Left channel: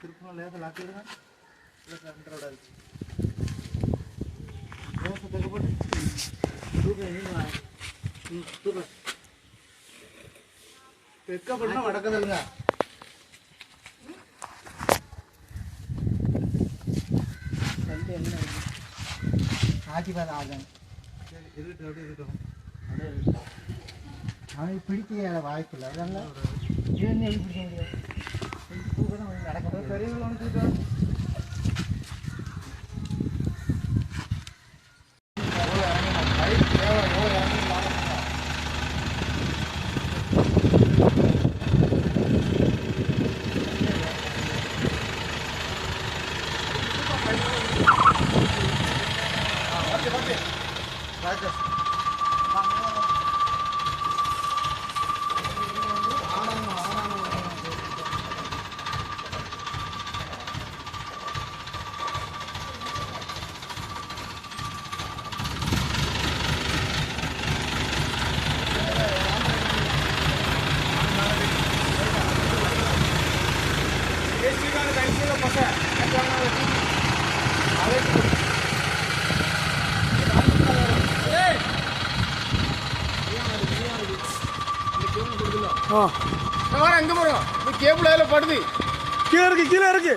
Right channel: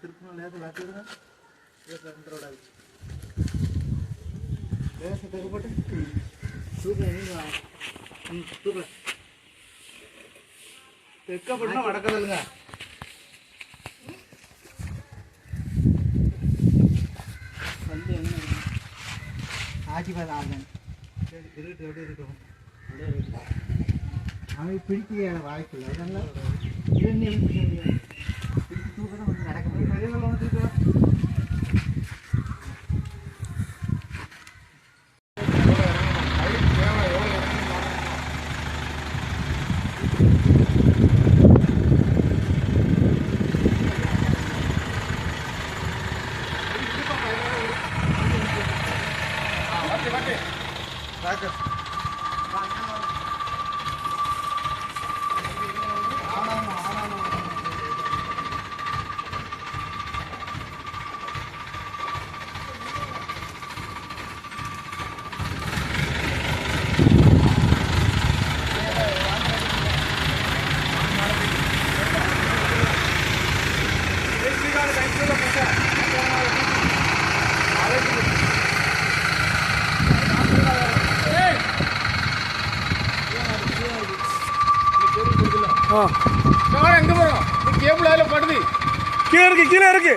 திருப்பணம் லேசா லாக்கிடுங்க. போட்டு தூக்க தெற்க பண்ணா வடக்கதல்லுங்க. ஆட்சி பார்த்து ஆகணும். சரி இருக்கட்டும், அப்படியே இருக்கட்டும். அவனுக்கு பிடிக்க வாய்ப்பில்லை. அதெல்லாம் இது பிடிக்க முடியாது. பிடிச்சி தூக்கணும் கொஞ்சம் நடக்க பெரிய எங்க போறோம்? கேபிள் அதில் படுது. கீழே இருக்கு.